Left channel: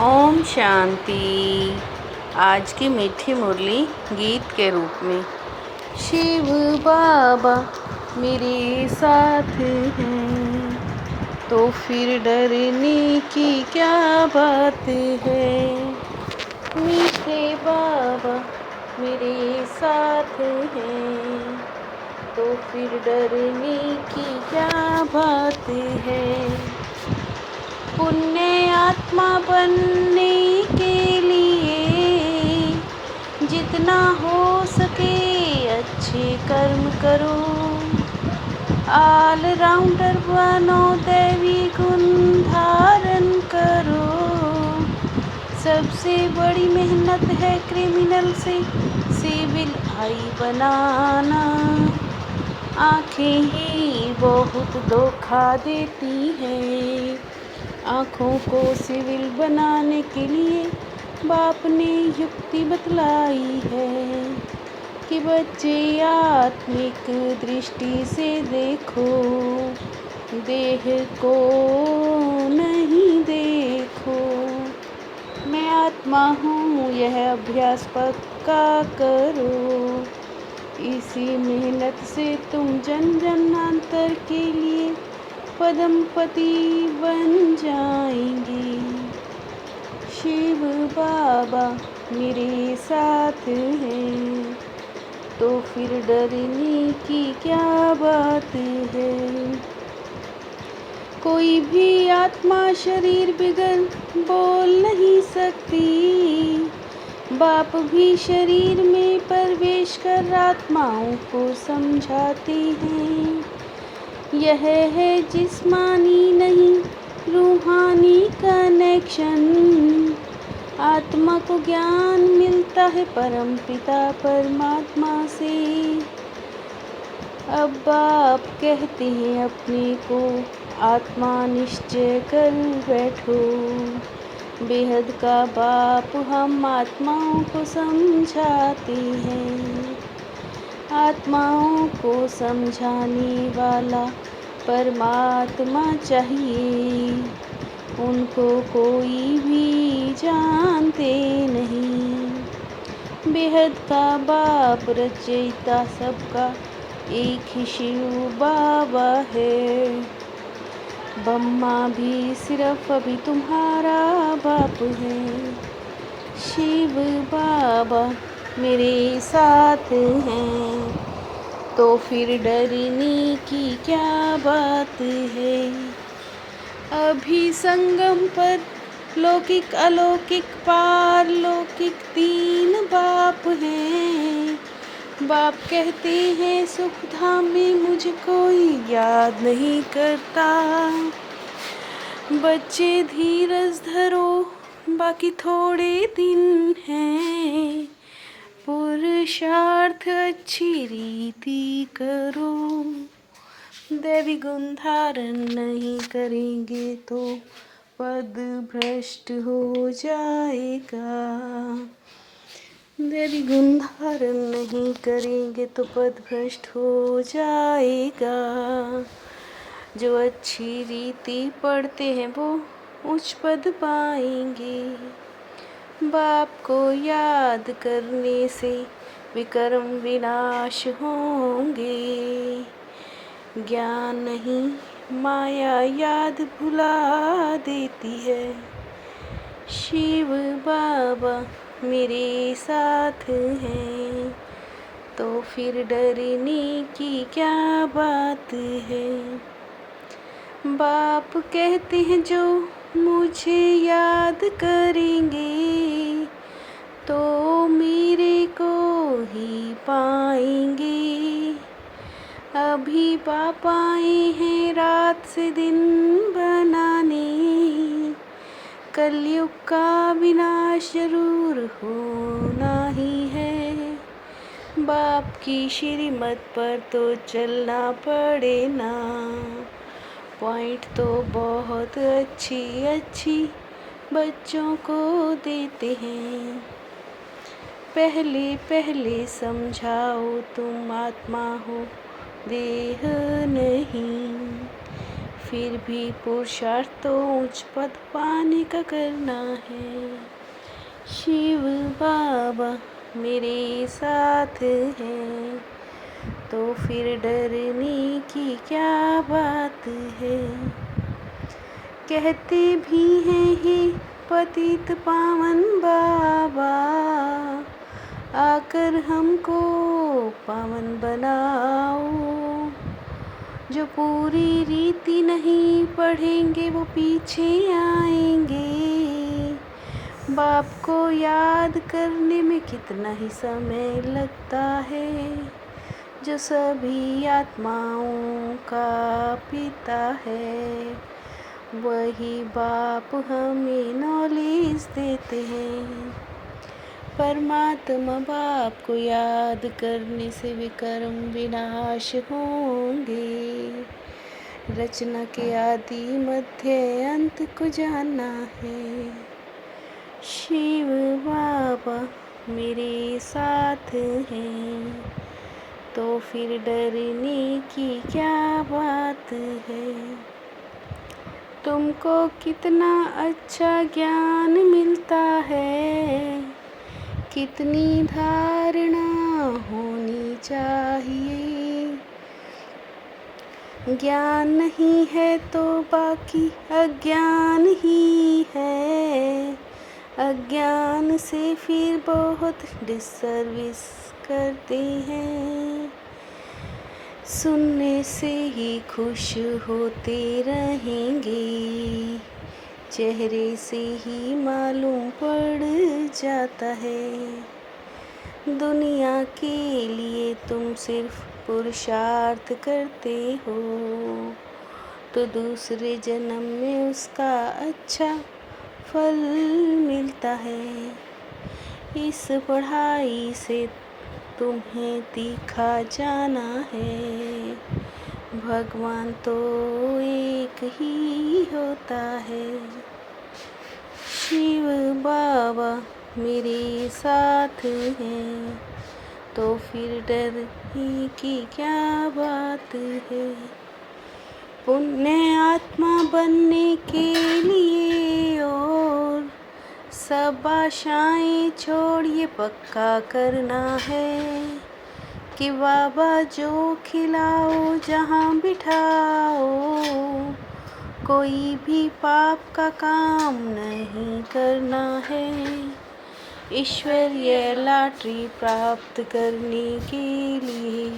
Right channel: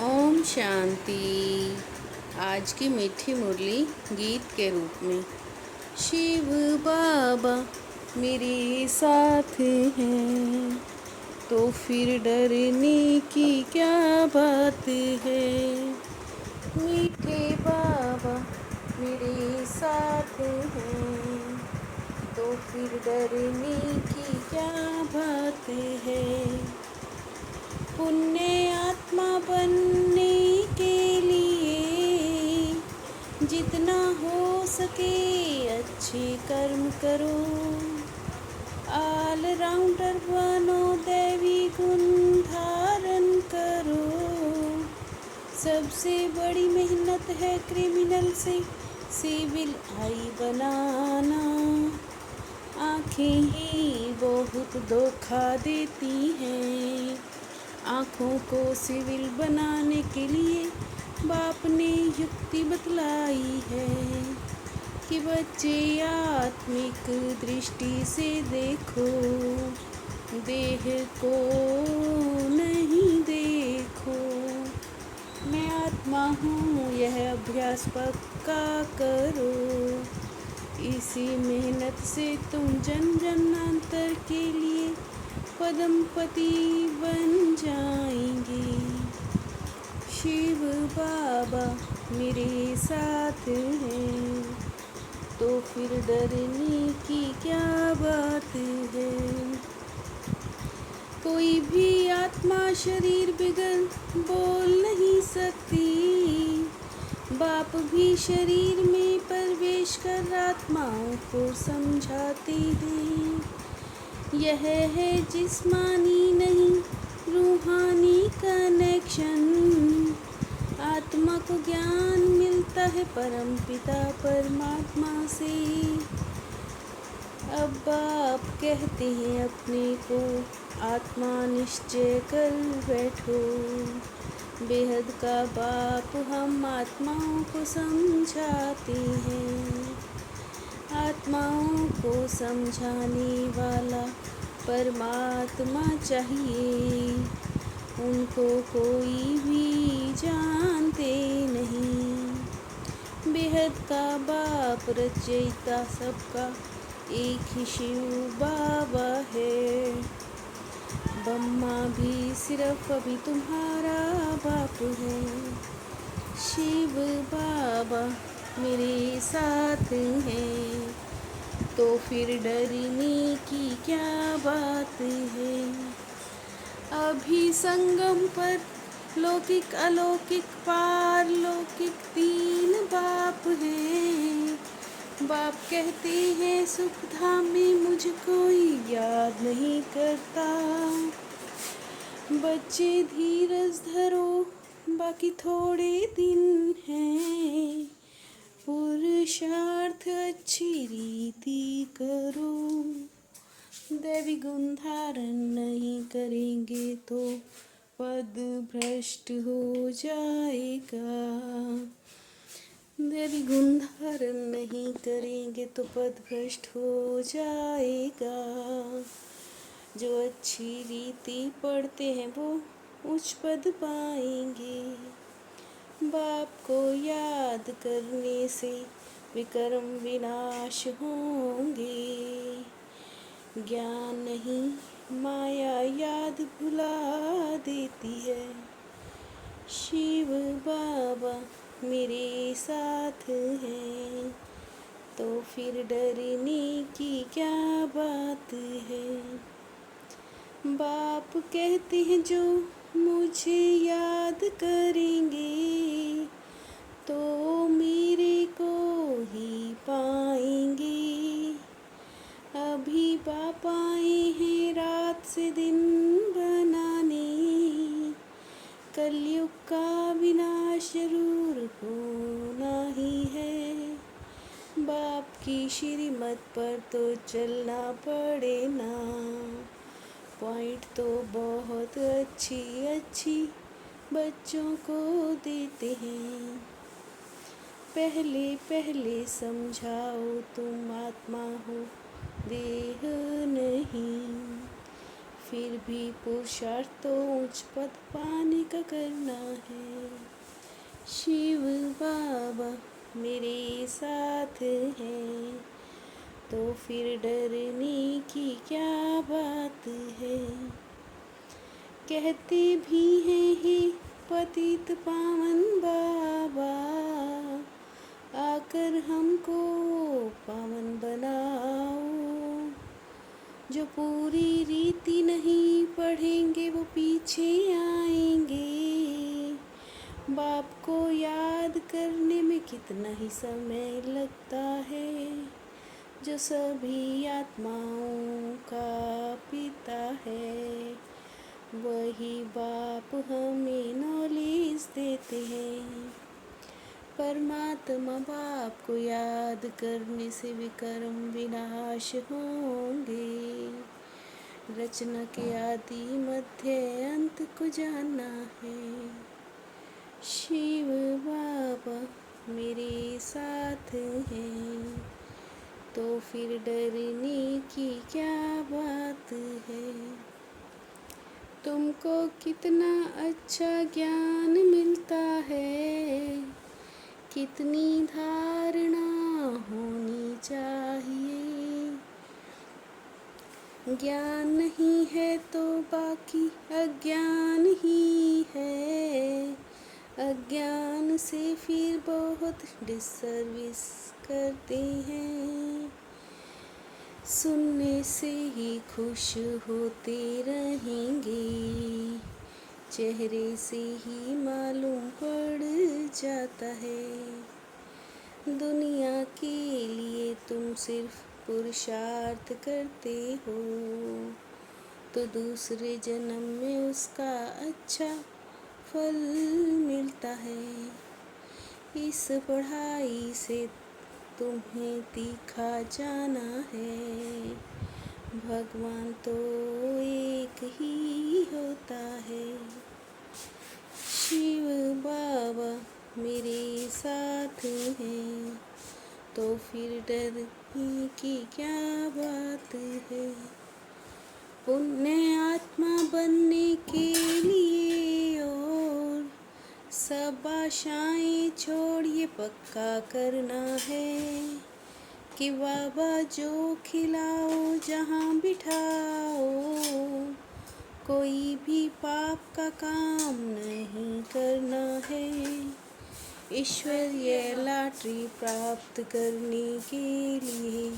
ओम शांति। आज की मीठी मुरली गीत के रूप में। शिव बाबा मेरे साथ हैं तो फिर डरने की क्या बात है। मीठे बाबा मेरे साथ हैं तो फिर डरने की क्या बात है। पुण्य आत्मा बनने के लिए जितना हो सके अच्छे कर्म करो। ऑल राउंडर बनो, दैवी गुण धारण करो। सबसे बड़ी मेहनत है क्रिमिनल से सिविल आई बनाना। आँखें ही बहुत धोखा देती हैं। आँखों को सिविल बनाने के लिए बाप ने युक्ति बतलाई है कि बच्चे आत्मिक दृष्टि से देखो, देह को नहीं देखो। मैं आत्मा हूँ यह अभ्यास पक्का करो। इसी मेहनत से तुम जन जन्मांतर के लिए पदमपति बन जाएंगी। शिव बाबा मेरे साथ हैं तो फिर डरने की क्या बात है। कोई भी आत्मा शरीर बिगर बोल नहीं सकती। बाप भी शरीर में प्रवेश कर आत्माओं को समझाते हैं। यह है जिस्मानी नहीं रूहानी कनेक्शन। आत्मा को ज्ञान मिलता है परम पिता परमात्मा से। अब बाप कहते हैं अपने को आत्मा निश्चय कर बैठो। बेहद का बाप हम आत्माओं को समझाते हैं। आत्माओं को समझाने वाला परमात्मा चाहिए। उनको कोई भी जानते नहीं। बेहद का बाप रचयिता सबका एक ही शिव बाबा है। ब्रह्मा भी सिर्फ अभी तुम्हारा बाप है। शिव बाबा मेरे साथ हैं तो फिर डरने की क्या बात है। अभी संगम पर लौकिक अलौकिक पारलौकिक तीन बाप हैं। बाप कहते हैं सुख धाम में मुझे कोई याद नहीं करता। बच्चे धीरज धरो, बाकी थोड़े दिन हैं। पुरुषार्थ अच्छी रीति करो। दैवी गुण धारण नहीं करेंगे तो पद भ्रष्ट हो जाएगा। दैवी गुण धारण नहीं करेंगे तो पद भ्रष्ट हो जाएगा। जो अच्छी रीति पढ़ते हैं वो उच्च पद पाएंगे। बाप को याद करने से विकर्म विनाश होंगे। ज्ञान नहीं माया याद भुला देती है। शिव बाबा मेरे साथ हैं तो फिर डरने की क्या बात है। बाप कहते हैं जो मुझे याद करेंगे तो मेरे को ही पाएंगे। अभी बाप आए हैं रात से दिन बनाने। कलयुग का विनाश जरूर होना ही है। बाप की श्रीमत पर तो चलना पड़े ना। पॉइंट तो बहुत अच्छी अच्छी बच्चों को देते हैं। पहले पहले समझाओ तुम आत्मा हो देह नहीं। फिर भी पुरुषार्थ तो उच्च पद पाने का करना है। शिव बाबा मेरे साथ हैं, तो फिर डरने की क्या बात है। कहते भी हैं हे पतित पावन बाबा, आकर हमको पावन बनाओ। जो पूरी रीति नहीं पढ़ेंगे वो पीछे आएंगे। बाप को याद करने में कितना ही समय लगता है, जो सभी आत्माओं का पिता है। वही बाप हमें नॉलेज देते हैं। परमात्मा बाप को याद करने से विकर्म विनाश होंगे। रचना के आदि मध्य अंत को जानना है। शिव बाबा मेरे साथ हैं, तो फिर डरने की क्या बात है। तुमको कितना अच्छा ज्ञान मिलता है, कितनी धारणा होनी चाहिए। ज्ञान नहीं है तो बाकी अज्ञान ही है। अज्ञान से फिर बहुत डिसर्विस करते हैं। सुनने से ही खुश होते रहेंगे, चेहरे से ही मालूम पड़ जाता है। दुनिया के लिए तुम सिर्फ पुरुषार्थ करते हो, तो दूसरे जन्म में उसका अच्छा फल मिलता है। इस पढ़ाई से तुम्हें तीखा जाना है, भगवान तो एक ही होता है। शिव बाबा मेरे साथ हैं, तो फिर डरने की क्या बात है। पुण्य आत्मा बनने के लिए और सब आशाएं छोड़िए पक्का करना है, कि बाबा जो खिलाओ जहाँ बिठाओ, कोई भी पाप का काम नहीं करना है। ईश्वरीय लॉटरी प्राप्त करने के लिए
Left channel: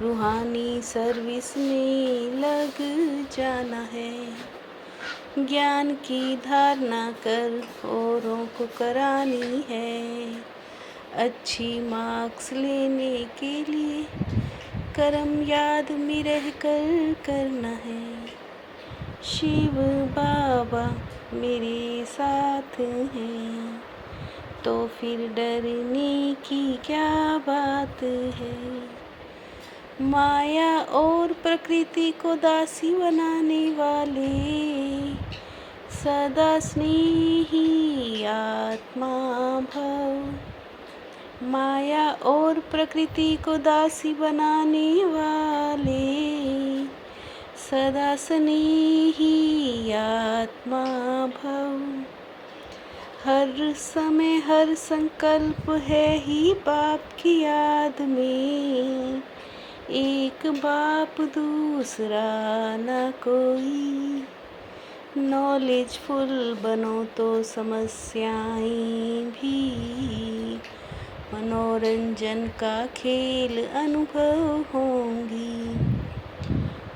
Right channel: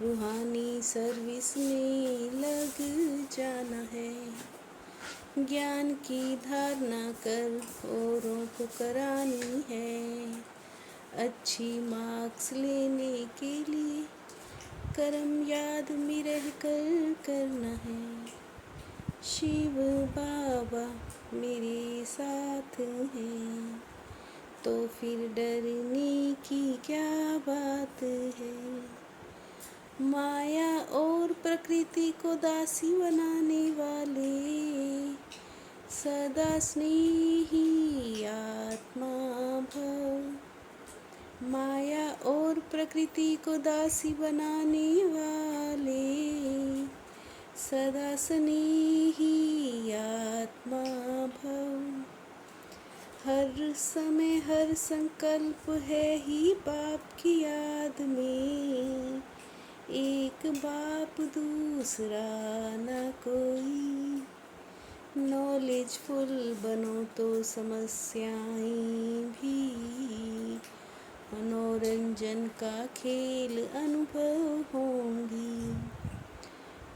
रूहानी सर्विस में लग जाना है। ज्ञान की धारणा कर औरों को करानी है। अच्छी मार्क्स लेने के लिए कर्म याद में रह कर करना है। शिव बाबा मेरे साथ हैं, तो फिर डरने की क्या बात है। माया और प्रकृति को दासी बनाने वाले सदा स्नेही आत्मा भव। माया और प्रकृति को दासी बनाने वाले सदा स्नेही आत्मा भव। हर समय हर संकल्प है ही बाप की याद में, एक बाप दूसरा न कोई। नॉलेजफुल बनो तो समस्याएं भी मनोरंजन का खेल अनुभव होंगी।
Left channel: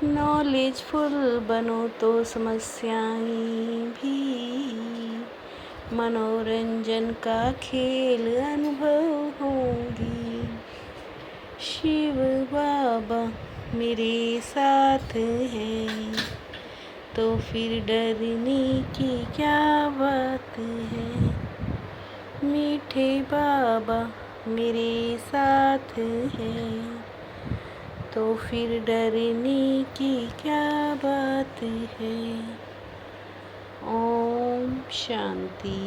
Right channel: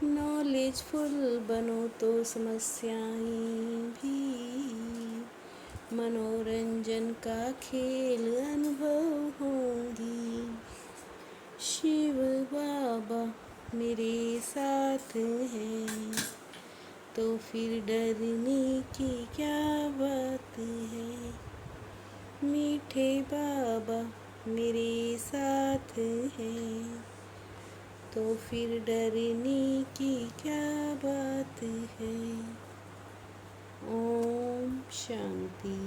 नॉलेजफुल बनो तो समस्याएं भी मनोरंजन का खेल अनुभव होंगी। शिव बाबा मेरे साथ हैं, तो फिर डरने की क्या बात है। मीठे बाबा मेरे साथ हैं, तो फिर डरने की क्या बात है। ओम शांति।